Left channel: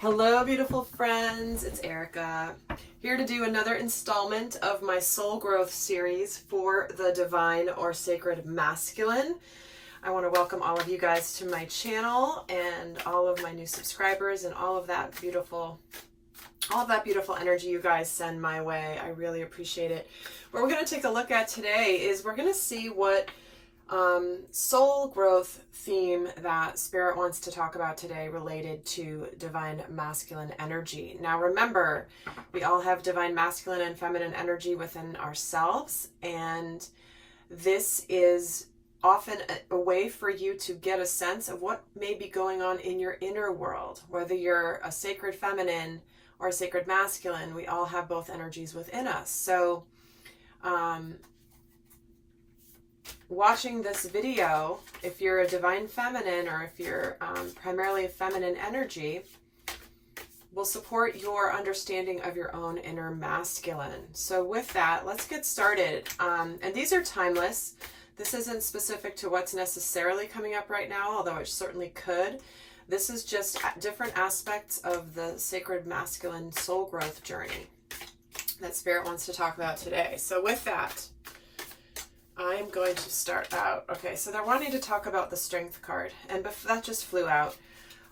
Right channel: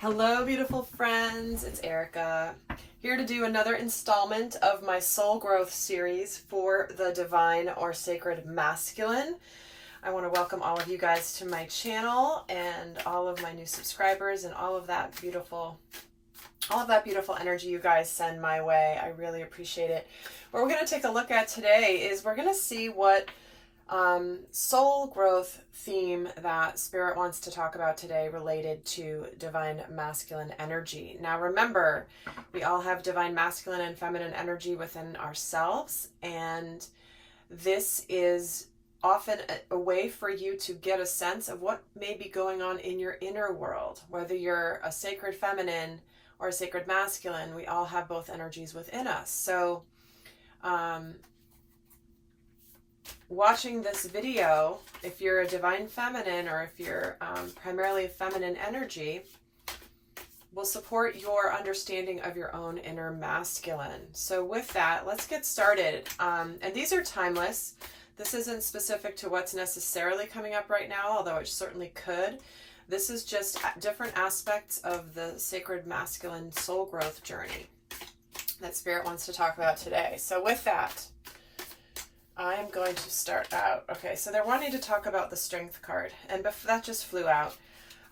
Hello, beautiful friends. It's Erika, here to do another installment of my soul growth series for the divine or sacred masculine. I want to welcome all of you guys to my channel and all of my new subscribers and all of that beautiful energy you guys send my way. I really appreciate it. What we're going to take a look at today is we're going to see what soul growth theme that Spirit wants to talk about today related to divine masculine energy. Now remember, we all have divine masculine and feminine energy within ourselves, and this is often a way for you to get a sense of what may be going on in your inner world. Whether you're a sacred feminine or a sacred masculine, we all have both energies within us. So watching this video, if you're a divine feminine or if you're primarily a feminine energy, will support your understanding of your own inner masculine. So with that, let's get started. And these are timeless. This isn't specific to what's necessarily coming up right now, although it certainly could. This is just different aspects of the sacred masculine soul growth journey that Spirit wants to talk about today. So with that, I'm going to start out. Okay, so they're wanting to talk about the strength card, and that just flew out.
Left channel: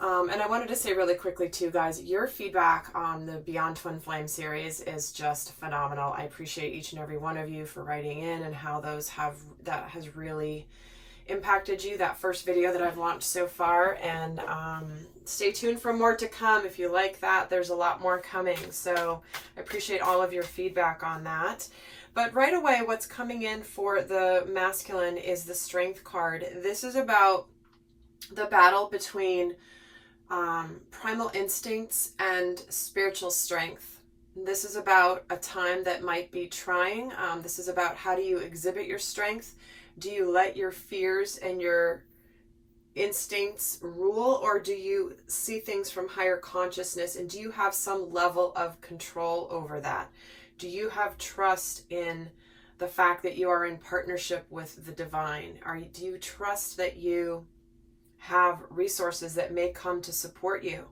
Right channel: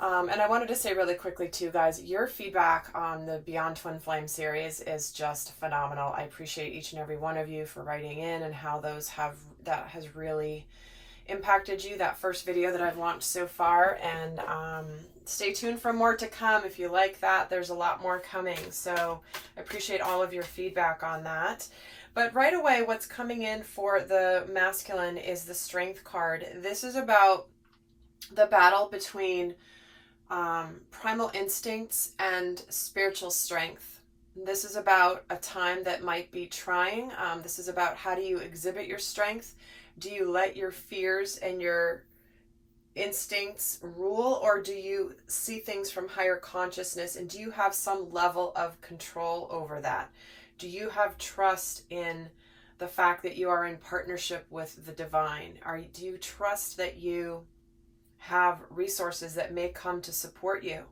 And I wanted to say really quickly too, guys, your feedback on the Beyond Twin Flame series is just phenomenal. I appreciate each and every one of you for writing in and how that has really impacted you, that first video that I've launched so far. And stay tuned for more to come. If you like that, there's a lot more coming. So I appreciate all of your feedback on that. But right away, what's coming in for the masculine is the strength card. This is about the battle between primal instincts and spiritual strength. This is about a time that might be trying. This is about, how do you exhibit your strength? Do you let your fears and your instincts rule, or do you see things from higher consciousness, and do you have some level of control over that? Do you have trust in the fact that you are in partnership with the divine? Do you trust that you have resources that may come to support you?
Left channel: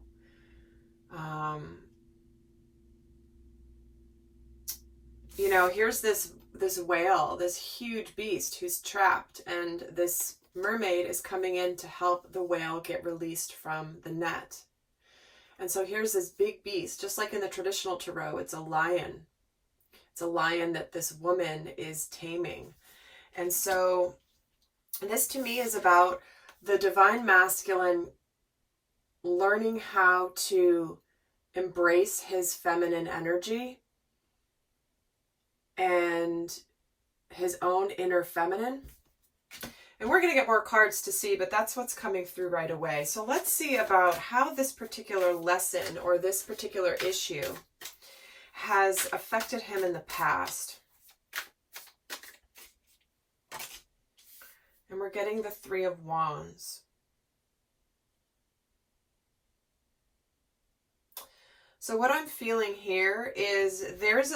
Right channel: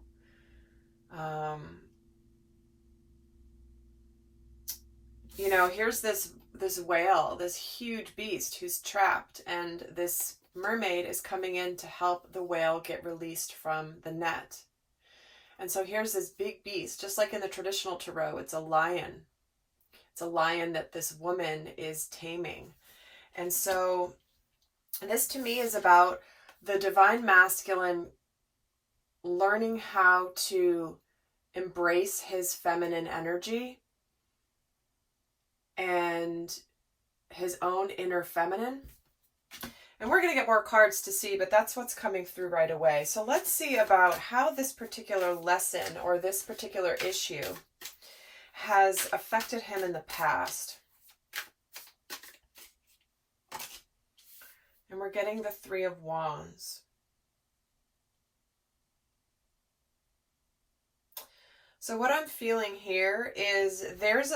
You know, here's this whale, this huge beast who's trapped, and this mermaid is coming in to help the whale get released from the net. And so here's this big beast, just like in the traditional tarot, it's a lion. It's a lion that this woman is taming. And so this to me is about the divine masculine learning how to embrace his feminine energy and his own inner feminine. And we're going to get more cards to see, but that's what's coming through right away. So let's see about how this particular lesson or this particular issue has affected him in the past. And we're getting the Three of Wands. So what I'm feeling here is there's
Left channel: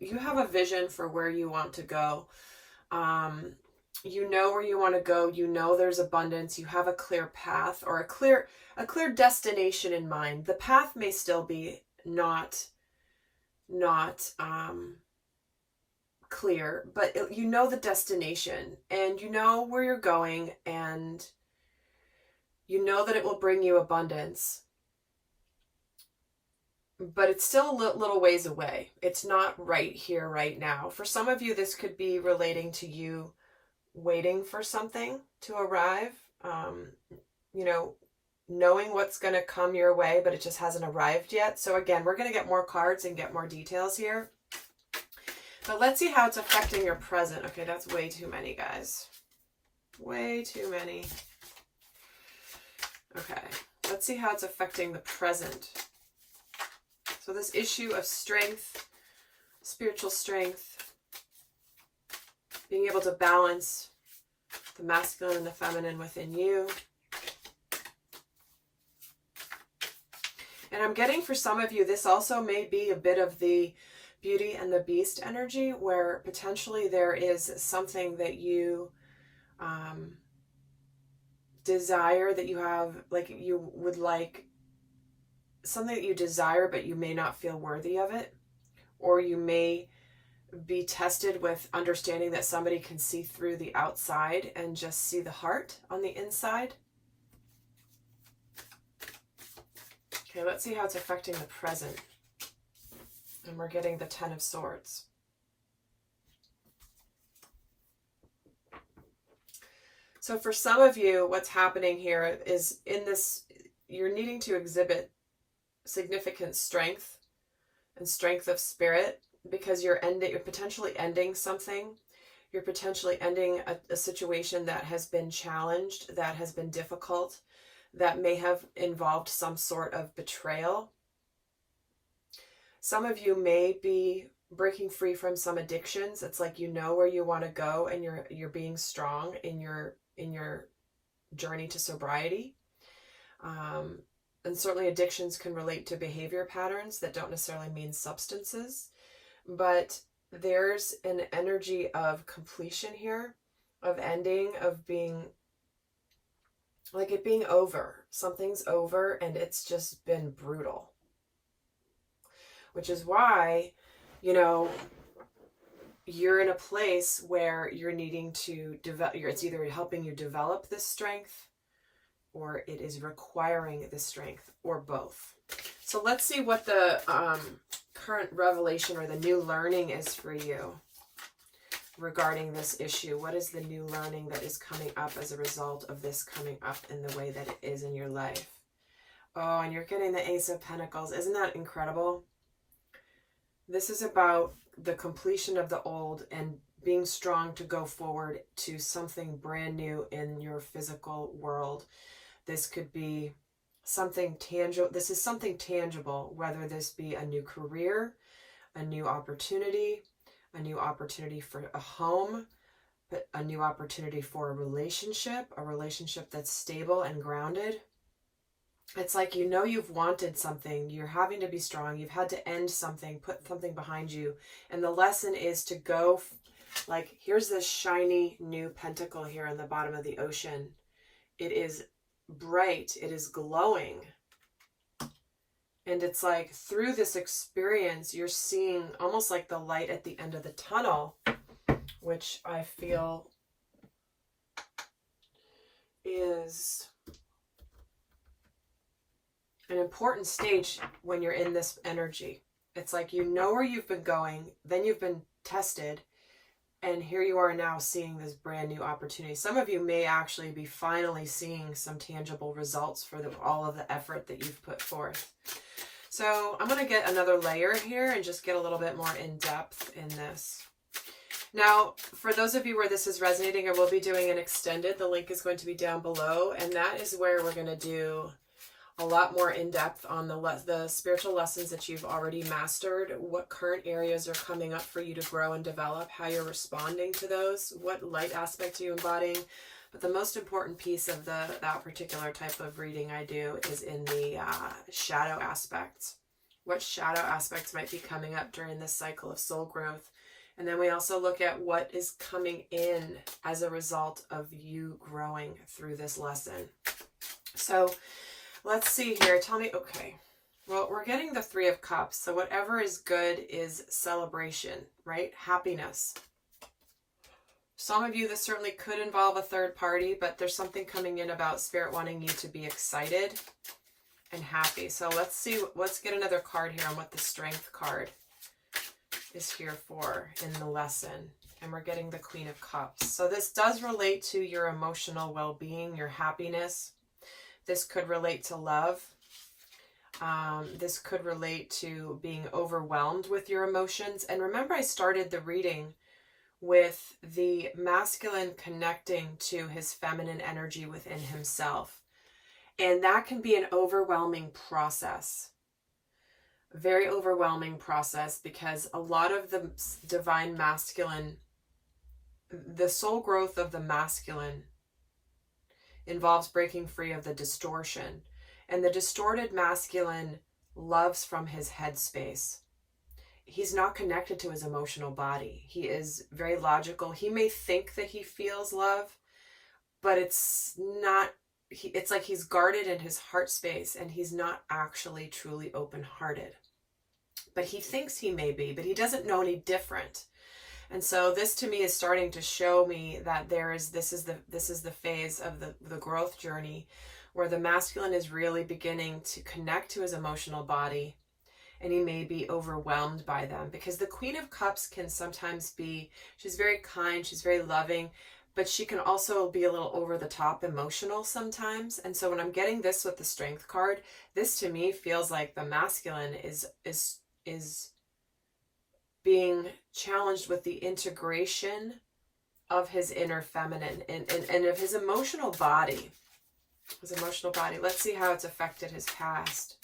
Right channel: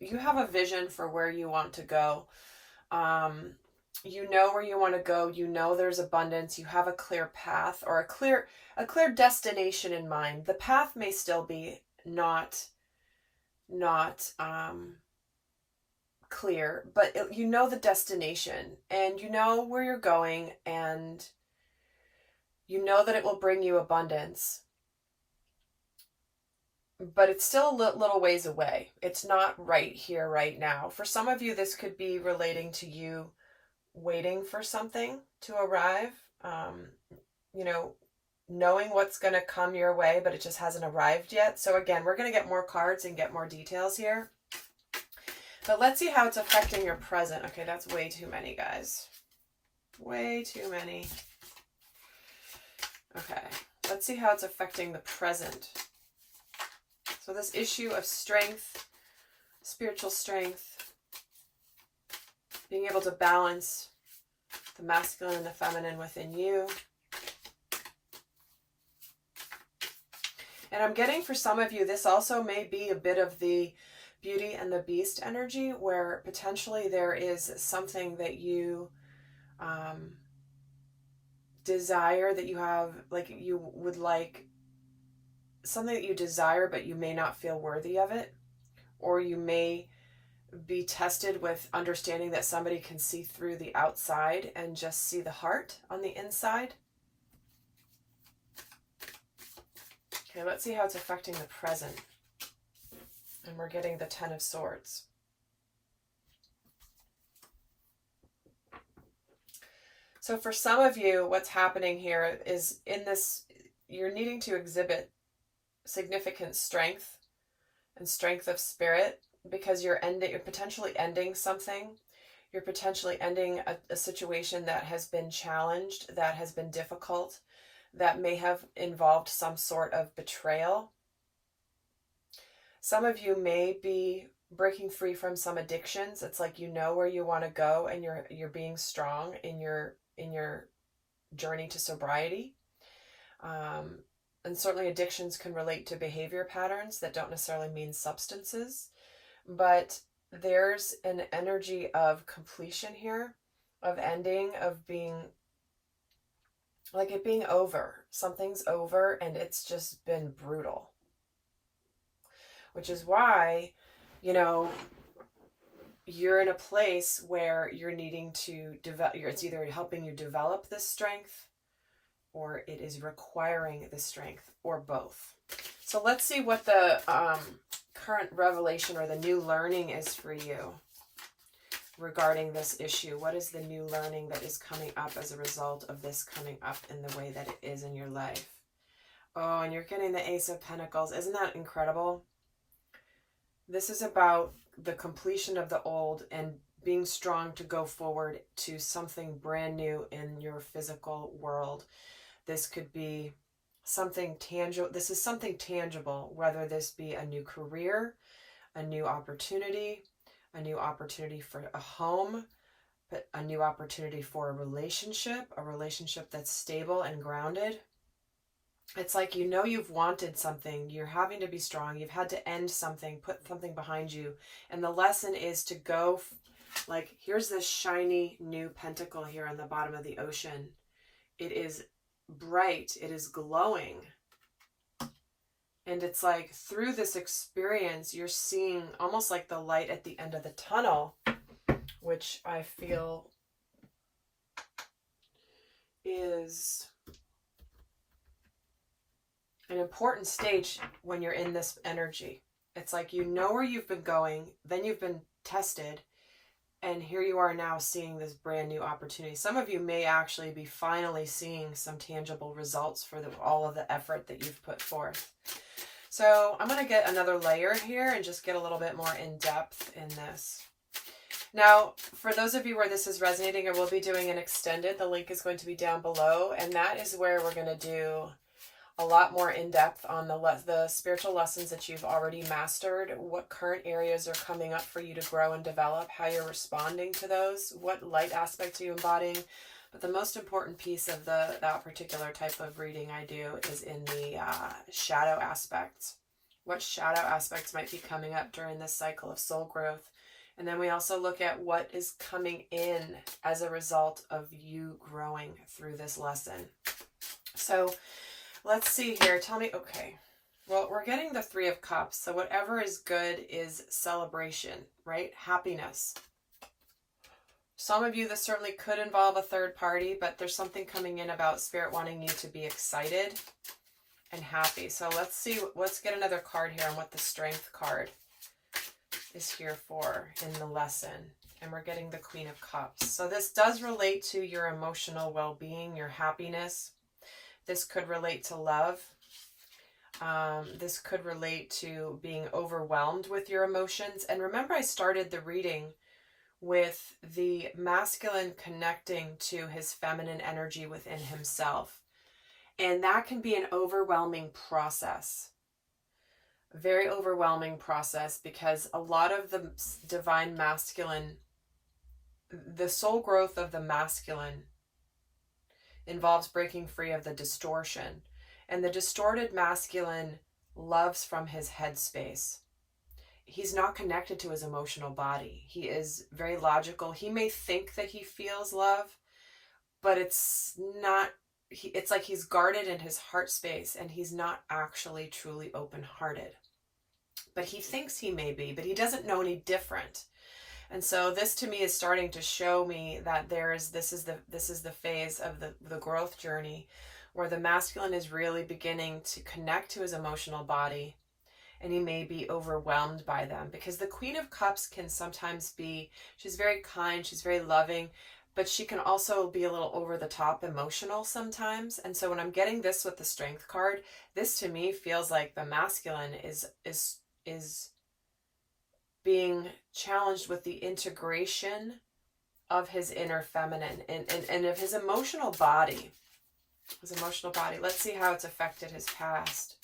you have a vision for where you want to go. You know where you want to go. You know there's abundance. You have a clear path or a clear destination in mind. The path may still be not clear, but you know the destination, and you know where you're going, and you know that it will bring you abundance, but it's still a little ways away. It's not right here, right now. For some of you, this could be relating to you waiting for something to arrive, you know, knowing what's going to come your way, but it just hasn't arrived yet. So again, we're going to get more cards and get more details here. But let's see how it's affecting your present. Okay, that's way too many, guys. Way too many. Okay, let's see how it's affecting the present. So this issue of strength, spiritual strength, being able to balance the masculine and the feminine within you. And I'm getting, for some of you, this also may be a bit of the Beauty and the Beast energy, where potentially there is something that you desire, that you have, like you would like something that you desire, but you may not feel worthy of it. Or you may be tested with understanding that somebody can see through the outside and just see the heart on the inside. Okay, let's see how it's affecting the present. And we're getting the Ten of Swords. So for some of you, what's happening here is in this, you're needing to exhibit significant strength and strength of spirit, because you're potentially ending something. You're potentially ending a situation that has been challenged, that has been difficult, that may have involved some sort of betrayal. Some of you may be breaking free from some addictions. It's like you know where you want to go, and you're being strong in your journey to sobriety. And certainly addictions can relate to behavior patterns that don't necessarily mean substances. But there's an energy of completion here, of ending, of being, like it being over. Something's over and it's just been brutal. Which is why, you know, you're in a place where you're needing to develop, it's either helping you develop this strength or it is requiring this strength, or both. So let's see what the current revelation or the new learning is for you regarding this issue. What is the new learning that is coming up as a result of this coming up in the way that it is in your life? Oh, and you're getting the Ace of Pentacles. Isn't that incredible? This is about the completion of the old and being strong to go forward to something brand new in your physical world. This could be something tangible. This is something tangible, whether this be a new career, a new opportunity for a home, but a new opportunity for a relationship that's stable and grounded. It's like, you know, you've wanted something, you're having to be strong, you've had to end something, put something behind you. And the lesson is to go, like, here's this shiny new pentacle here on the bottom of the ocean. It is bright, it is glowing. And it's like through this experience, you're seeing almost like the light at the end of the tunnel, which I feel is an important stage when you're in this energy. It's like, you know where you've been going, then you've been tested, and here you are now seeing this brand new opportunity. Some of you may actually be finally seeing some tangible results for all of the effort that you've put forth. So I'm going to get another layer here and just get a little bit more in depth in this. Now, for those of you where this is resonating, I will be doing an extended. The link is going to be down below, and that is where we're going to do a lot more in depth on the spiritual lessons that you've already mastered, what current areas are coming up for you to grow and develop, how you're responding to those, what light aspects are you embodying. But the most important piece of that particular type of reading I do is in the shadow aspects. What shadow aspects might be coming up during this cycle of soul growth. And then we also look at what is coming in as a result of you growing through this lesson. So let's see here. Tell me, okay. Well, we're getting the Three of Cups. So whatever is good is celebration, right? Happiness. Some of you, this certainly could involve a third party, but there's something coming in about Spirit wanting you to be excited and happy. So let's get another card here on what the Strength card is here for in the lesson. And we're getting the Queen of Cups. So this does relate to your emotional well-being, your happiness. This could relate to love. This could relate to being overwhelmed with your emotions. And remember, I started the reading with the masculine connecting to his feminine energy within himself. And that can be an overwhelming process. A very overwhelming process, because a lot of the divine masculine, the soul growth of the masculine involves breaking free of the distortion. And the distorted masculine loves from his headspace. He's not connected to his emotional body. He is very logical. He may think that he feels love, but it's not it's like he's guarded in his heart space, and he's not actually truly open-hearted. But he thinks he may be, but he doesn't know any different. And so this to me is starting to show me that this is the phase of the growth journey where the masculine is really beginning to connect to his emotional body, and he may be overwhelmed by them, because the Queen of Cups can sometimes be, she's very kind, she's very loving, but she can also be a little over the top emotional sometimes. And so when I'm getting this with the Strength card, this to me feels like the masculine is being challenged with the integration of his inner feminine and of his emotional body. His emotional body. Let's see how it's affected his past.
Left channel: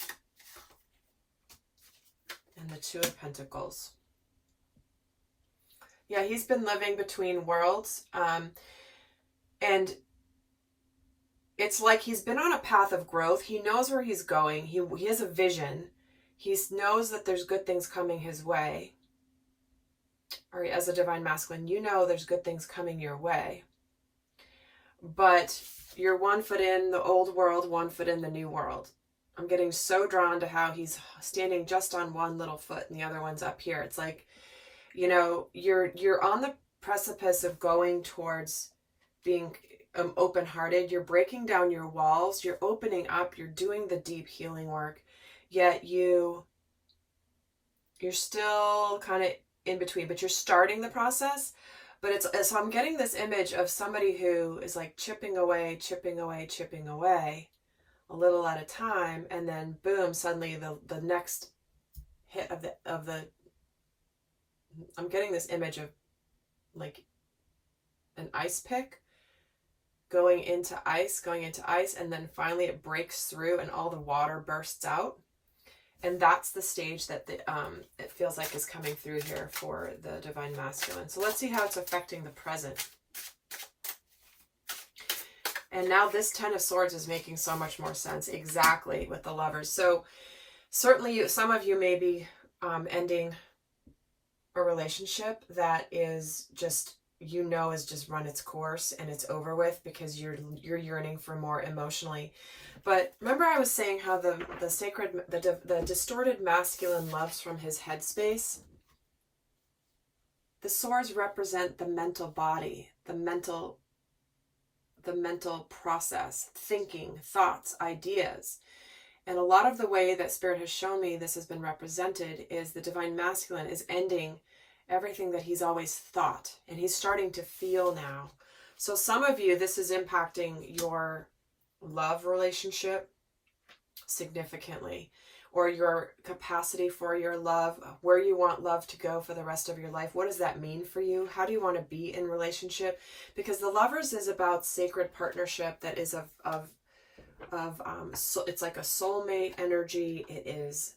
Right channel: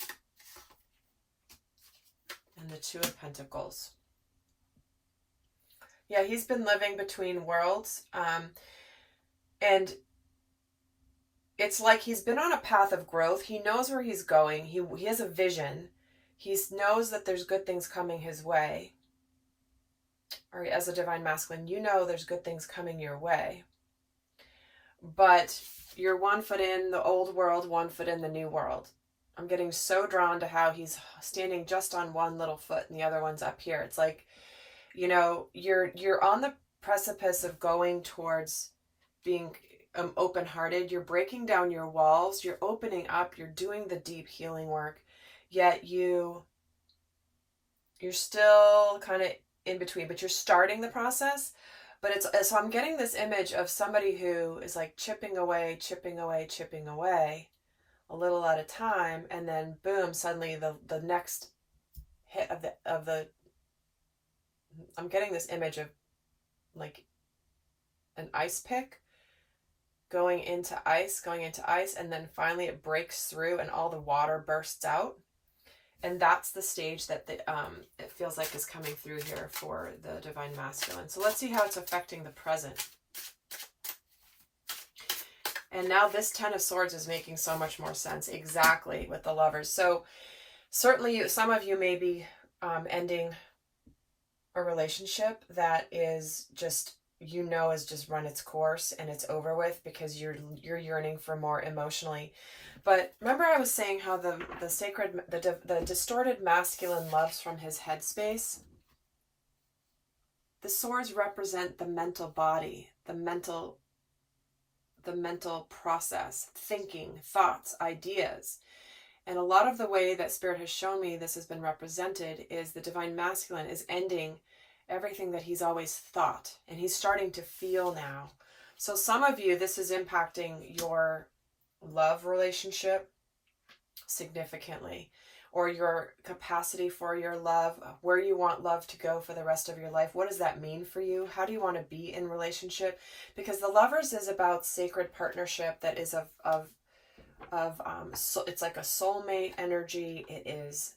And the Two of Pentacles. Yeah, he's been living between worlds. And it's like he's been on a path of growth. He knows where he's going. He has a vision. He knows that there's good things coming his way. Or as a divine masculine, you know there's good things coming your way. But you're 1 foot in the old world, 1 foot in the new world. I'm getting so drawn to how he's standing just on one little foot and the other one's up here. It's like, you know, you're on the precipice of going towards being open-hearted. You're breaking down your walls. You're opening up. You're doing the deep healing work. Yet you're still kind of in between, but you're starting the process. But so I'm getting this image of somebody who is like chipping away, a little at a time, and then boom, suddenly the next hit of the I'm getting this image of like an ice pick going into ice, and then finally it breaks through and all the water bursts out. And that's the stage that it feels like is coming through here for the divine masculine. So let's see how it's affecting the present. And now this Ten of Swords is making so much more sense, exactly, with the Lovers. So certainly some of you may be ending a relationship that is just, you know, has just run its course and it's over with because you're yearning for more emotionally. But remember I was saying how the distorted masculine loves from his headspace? The swords represent the mental body, the mental process, thinking, thoughts, ideas. And a lot of the way that Spirit has shown me this has been represented is the divine masculine is ending everything that he's always thought, and he's starting to feel now. So some of you, this is impacting your love relationship significantly, or your capacity for your love, where you want love to go for the rest of your life. What does that mean for you? How do you want to be in relationship? Because the Lovers is about sacred partnership that is so it's like a soulmate energy. It is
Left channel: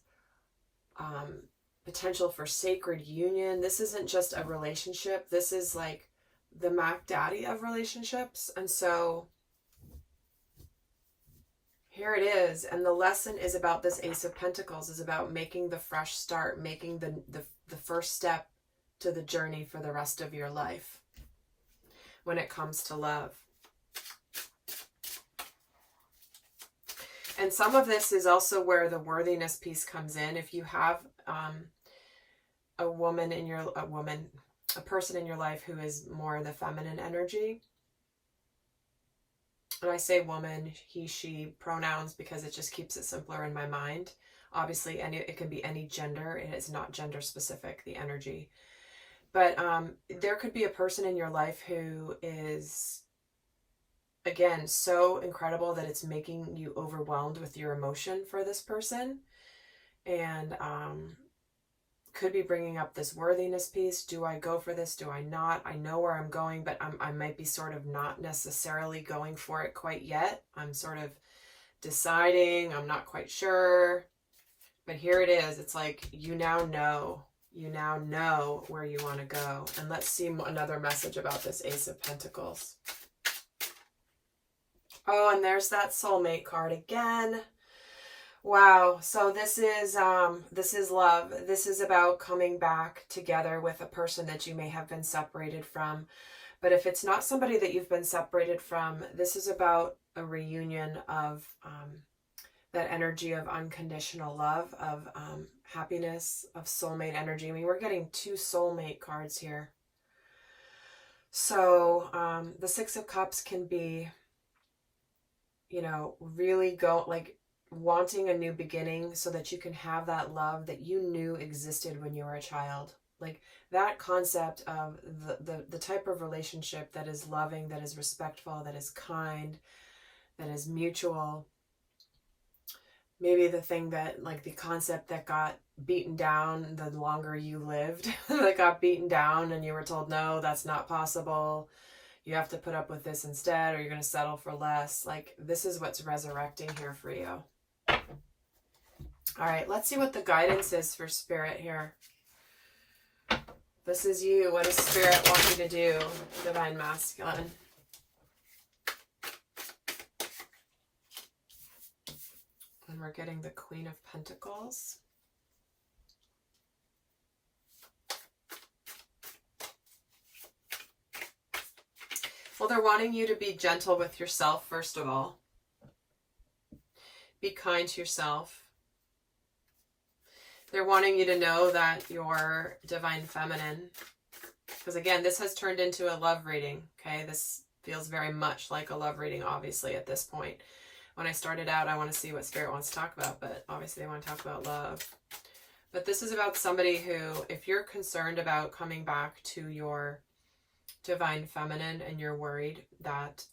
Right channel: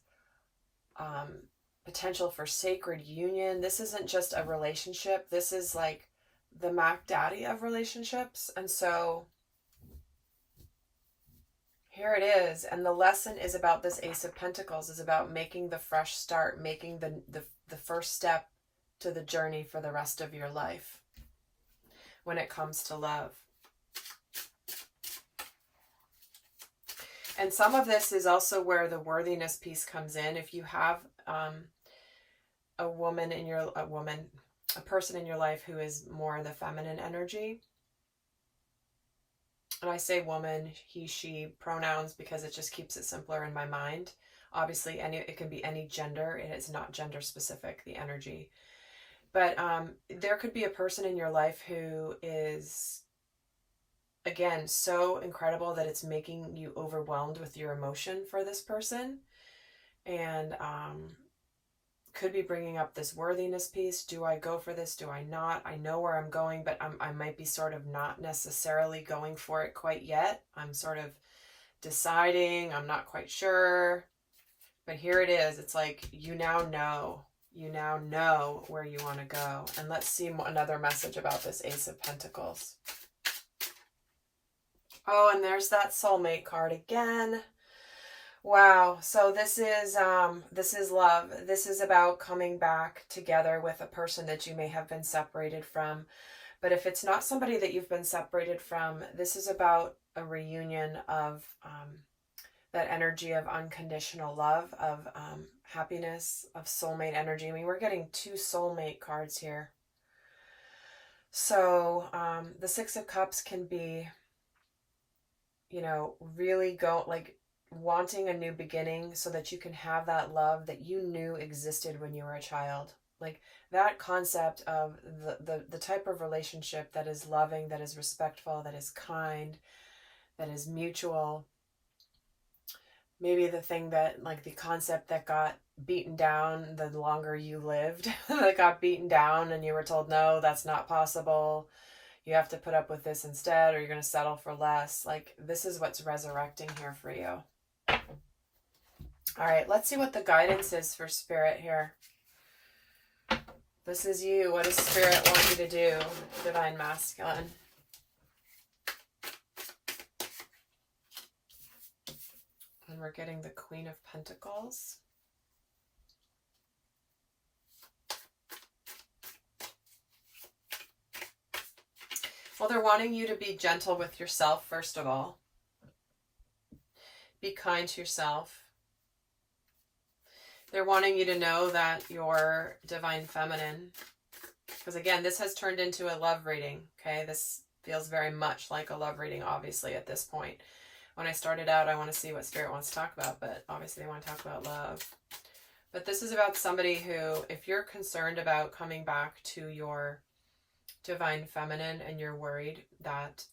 potential for sacred union. This isn't just a relationship. This is like the Mac Daddy of relationships. And so here it is. And the lesson is about this Ace of Pentacles, is about making the fresh start, making the first step to the journey for the rest of your life when it comes to love. And some of this is also where the worthiness piece comes in. If you have a person in your life who is more the feminine energy, and I say woman, he, she pronouns because it just keeps it simpler in my mind. Obviously, it can be any gender. It is not gender specific, the energy. But there could be a person in your life who is, again, so incredible that it's making you overwhelmed with your emotion for this person. And could be bringing up this worthiness piece. Do I go for this? Do I not? I know where I'm going, but I might be sort of not necessarily going for it quite yet. I'm sort of deciding. I'm not quite sure. But here it is. It's like you now know. You now know where you want to go. And let's see another message about this Ace of Pentacles. Oh, and there's that soulmate card again. Wow. So this is love. This is about coming back together with a person that you may have been separated from. But if it's not somebody that you've been separated from, this is about a reunion of that energy of unconditional love, of happiness, of soulmate energy. I mean, we're getting 2 soulmate cards here. So the Six of Cups can be, you know, really wanting a new beginning so that you can have that love that you knew existed when you were a child. Like that concept of the type of relationship that is loving, that is respectful, that is kind, that is mutual. Maybe the thing that, like the concept that got beaten down the longer you lived, that got beaten down and you were told, no, that's not possible. You have to put up with this instead, or you're going to settle for less. Like, this is what's resurrecting here for you. All right, let's see what the guidance is for Spirit here. This is you. What does Spirit want you to do, Divine Masculine? And we're getting the Queen of Pentacles. Well, they're wanting you to be gentle with yourself, first of all. Be kind to yourself. They're wanting you to know that you're divine feminine. Because again, this has turned into a love reading, okay? This feels very much like a love reading, obviously, at this point. When I started out, I want to see what Spirit wants to talk about, but obviously they want to talk about love. But this is about somebody who, if you're concerned about coming back to your divine feminine and you're worried that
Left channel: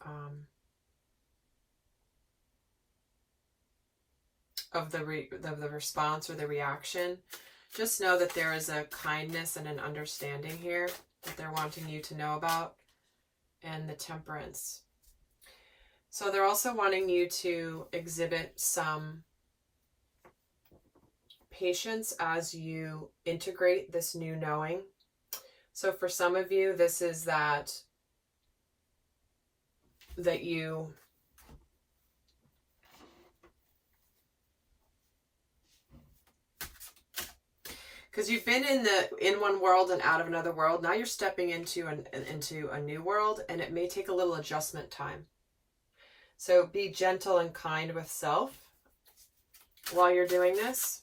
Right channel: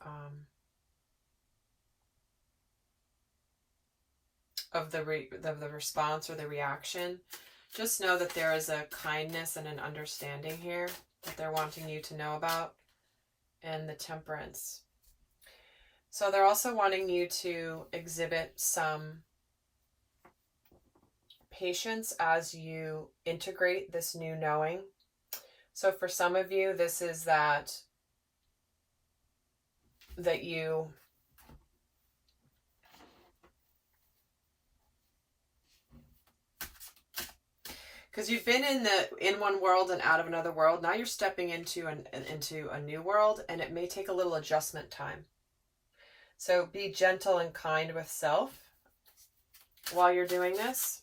of the response or the reaction, just know that there is a kindness and an understanding here that they're wanting you to know about, and the Temperance. So they're also wanting you to exhibit some patience as you integrate this new knowing. So for some of you, this is that you because you've been in one world and out of another world. Now you're stepping into a new world, and it may take a little adjustment time. So be gentle and kind with self while you're doing this.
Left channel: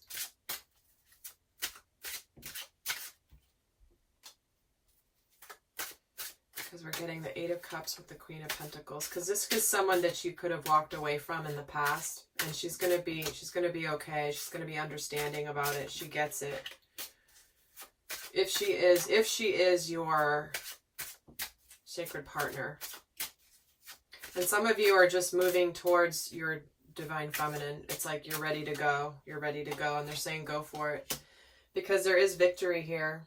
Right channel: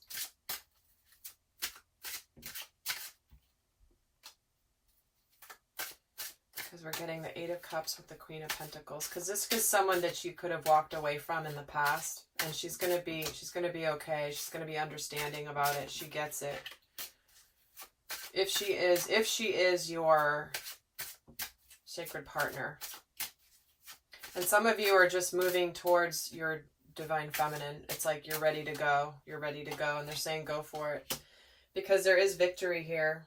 Because we're getting the Eight of Cups with the Queen of Pentacles. Because this is someone that you could have walked away from in the past, and she's gonna be okay. She's gonna be understanding about it. She gets it. If she is your sacred partner. And some of you are just moving towards your divine feminine. It's like you're ready to go. You're ready to go. And they're saying go for it. Because there is victory here.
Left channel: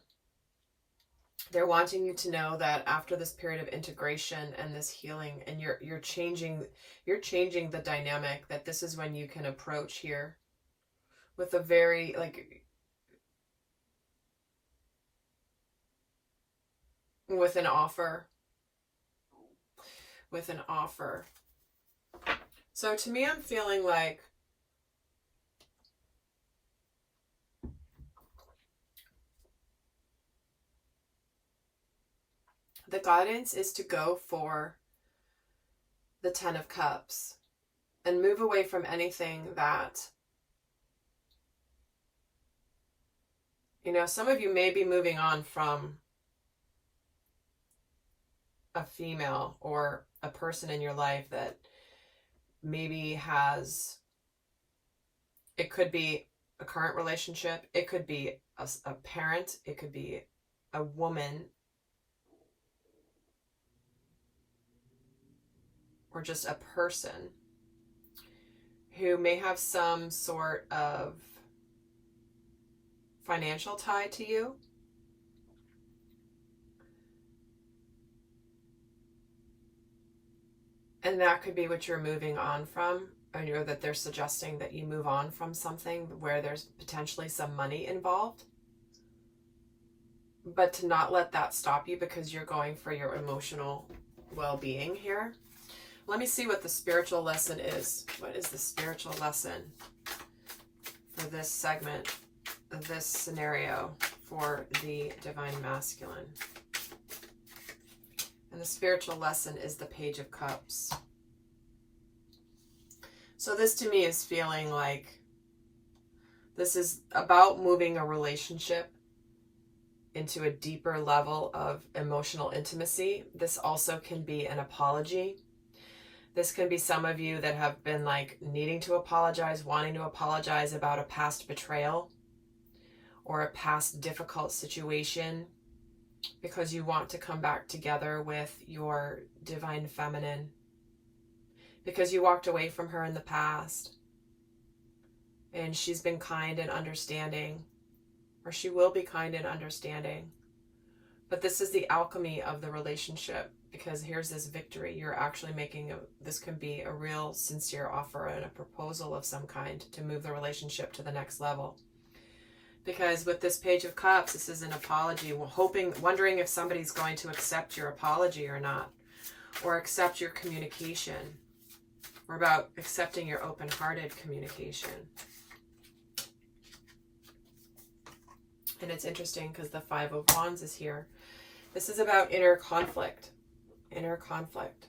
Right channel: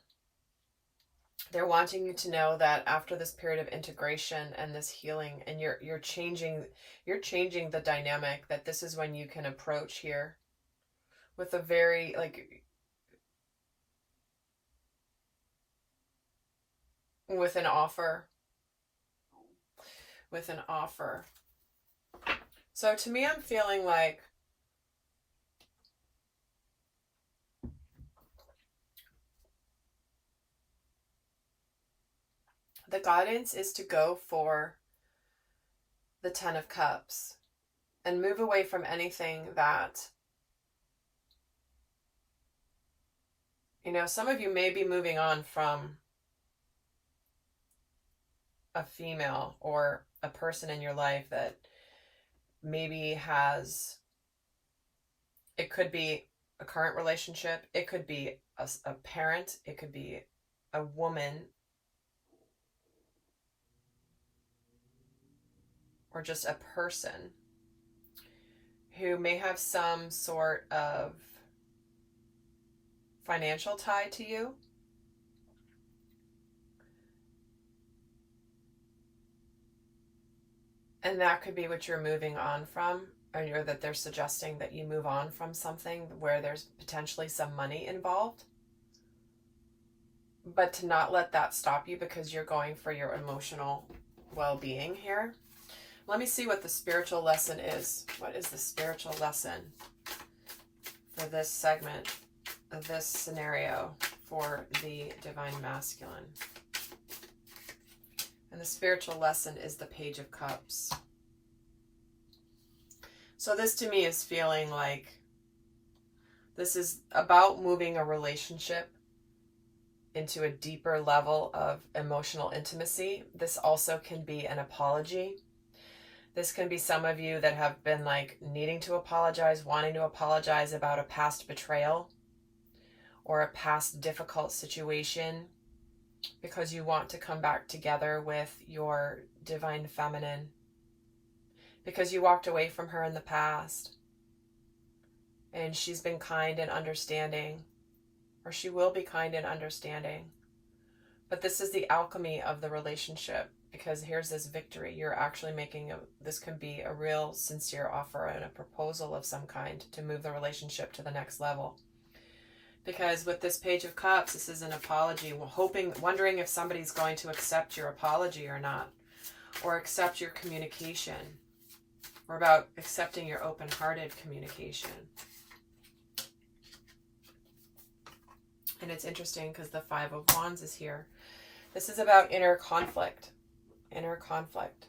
They're wanting you to know that after this period of integration and this healing, and you're changing the dynamic, that this is when you can approach here with a very, like, with an offer. With an offer. So to me, I'm feeling like the guidance is to go for the Ten of Cups and move away from anything that, you know, some of you may be moving on from a female or a person in your life that maybe has, it could be a current relationship, it could be a parent, it could be a woman, or just a person who may have some sort of financial tie to you. And that could be what you're moving on from, or that they're suggesting that you move on from something where there's potentially some money involved. But to not let that stop you, because you're going for your emotional well-being here. Let me see what the spiritual lesson is. What is the spiritual lesson for this segment, this scenario for the Divine Masculine? And the spiritual lesson is the Page of Cups. So this to me is feeling like this is about moving a relationship into a deeper level of emotional intimacy. This also can be an apology. This can be some of you that have been like needing to apologize, wanting to apologize about a past betrayal or a past difficult situation because you want to come back together with your divine feminine because you walked away from her in the past and she's been kind and understanding, or she will be kind and understanding. But this is the alchemy of the relationship, because here's this victory. You're actually making this can be a real sincere offer and a proposal of some kind to move the relationship to the next level. Because with this Page of Cups, this is an apology, wondering if somebody's going to accept your apology or not, or accept your communication, or about accepting your open-hearted communication. And it's interesting because the Five of Wands is here. This is about inner conflict. Inner conflict.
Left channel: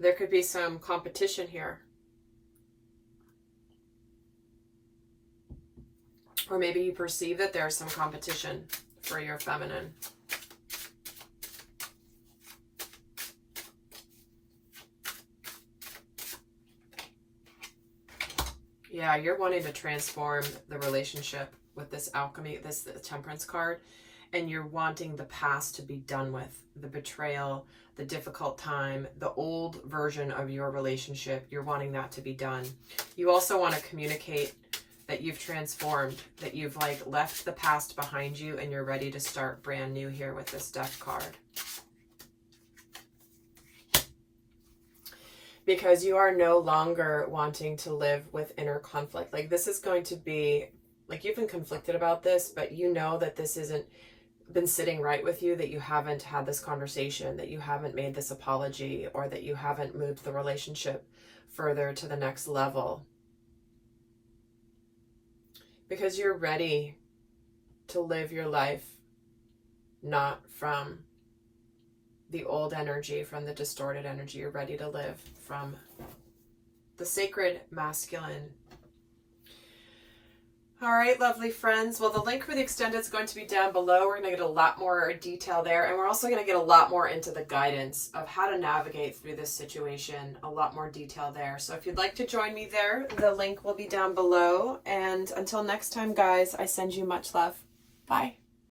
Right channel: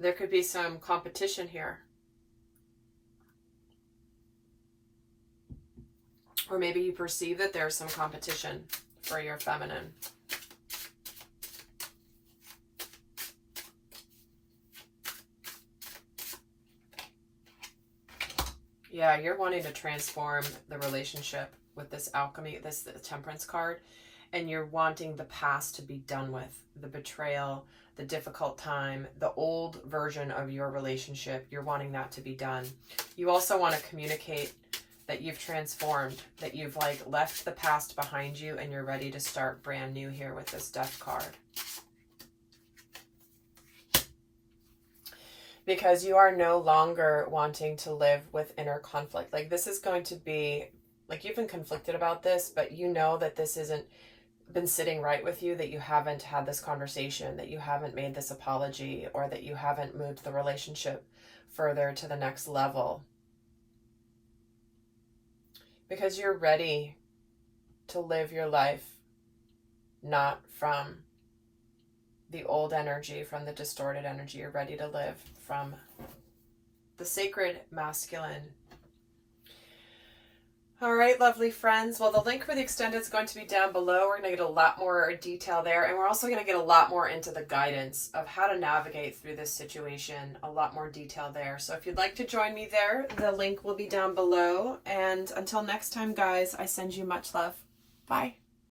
There could be some competition here. Or maybe you perceive that there's some competition for your feminine. Yeah, you're wanting to transform the relationship with this alchemy, this Temperance card, and you're wanting the past to be done with, the betrayal, the difficult time, the old version of your relationship. You're wanting that to be done. You also want to communicate that you've transformed, that you've like left the past behind you and you're ready to start brand new here with this Death card. Because you are no longer wanting to live with inner conflict. Like this is going to be, like you've been conflicted about this, but you know that this isn't been sitting right with you, that you haven't had this conversation, that you haven't made this apology, or that you haven't moved the relationship further to the next level. Because you're ready to live your life not from the old energy, from the distorted energy. You're ready to live from the sacred masculine. All right, lovely friends. Well, the link for the extended is going to be down below. We're going to get a lot more detail there, and we're also going to get a lot more into the guidance of how to navigate through this situation, a lot more detail there. So if you'd like to join me there, the link will be down below. And until next time, guys, I send you much love. Bye.